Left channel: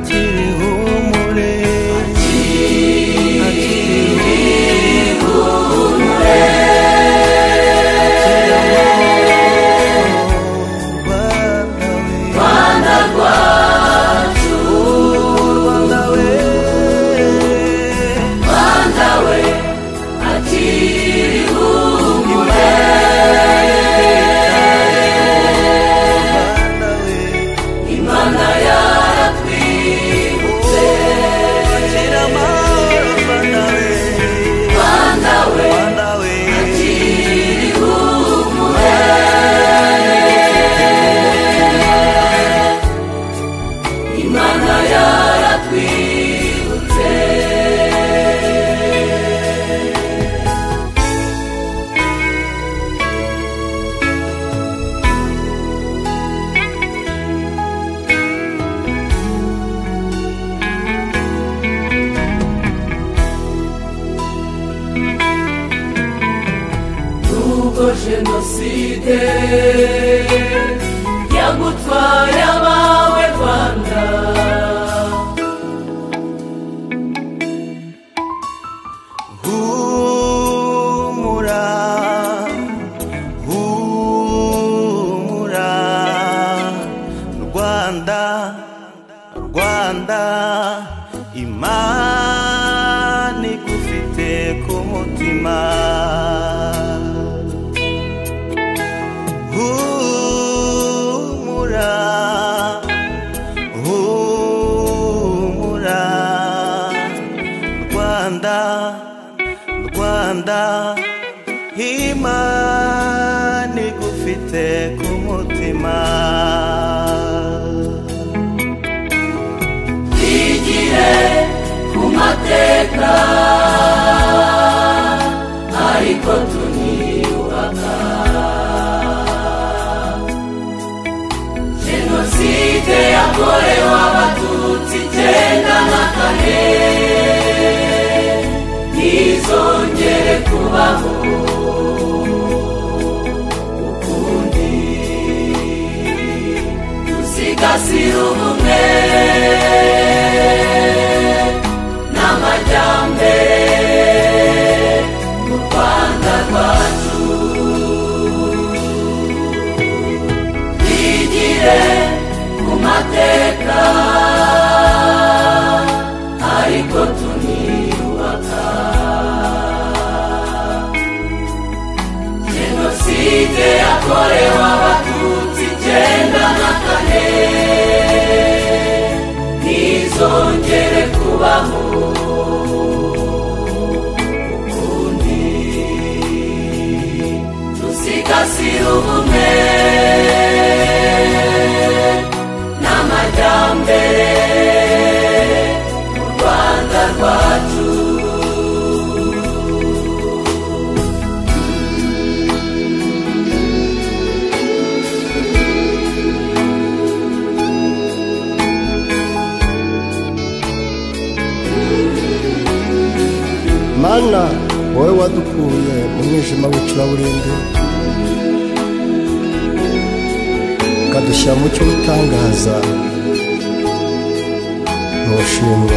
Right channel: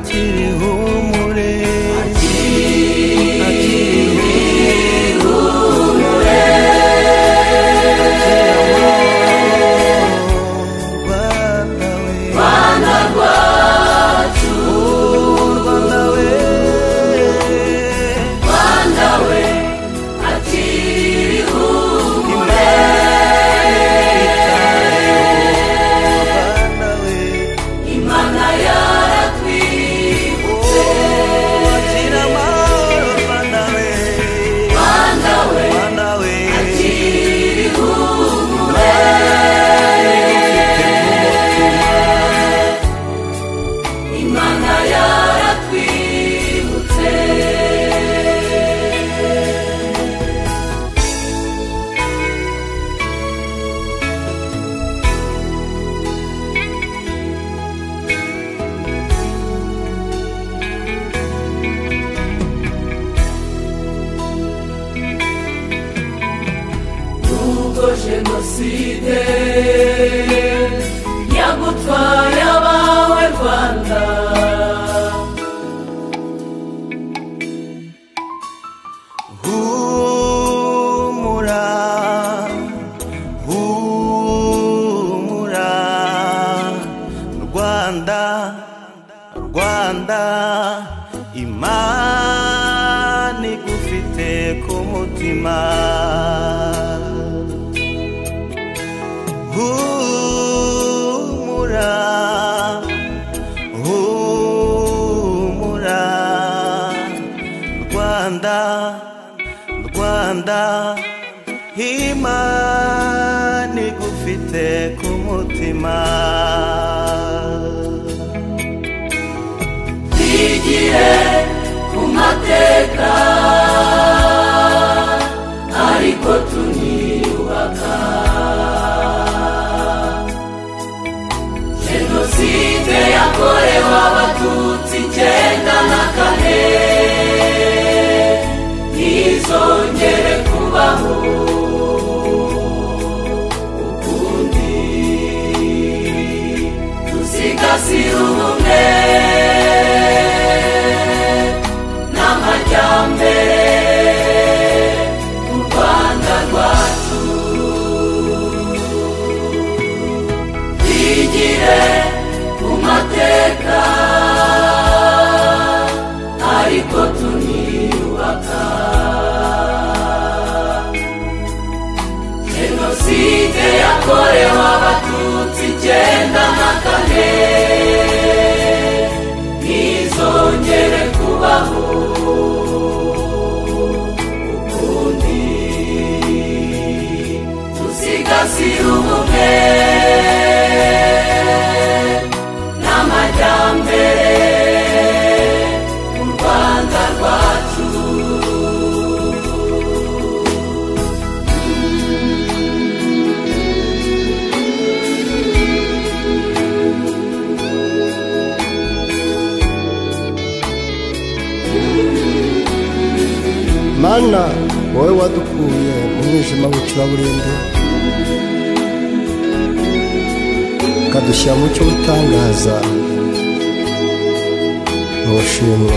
akirihumure Jenoside yagutwaye abawe Rwanda humura humura Rwanda Rwanda Imana igufite ku mutima humura humura Rwanda Rwanda Imana igufite ku mutima igiye ku mateka ariko tuniyubaka Jenoside yakorewe Abatutsi 1994 ntizongere kubaho ukundi dusigasire ubumwe n'amajyambere mu Rwanda rwacu igihe mateka ariko tuniyubaka Jenoside yakorewe Abatutsi 1994 ntizongere kubaho ukundi dusigasire ubumwe Mana wowe wadukuye mu mwijima w'icuraburindi ukadushyira mu cyo utangaza ntushimwe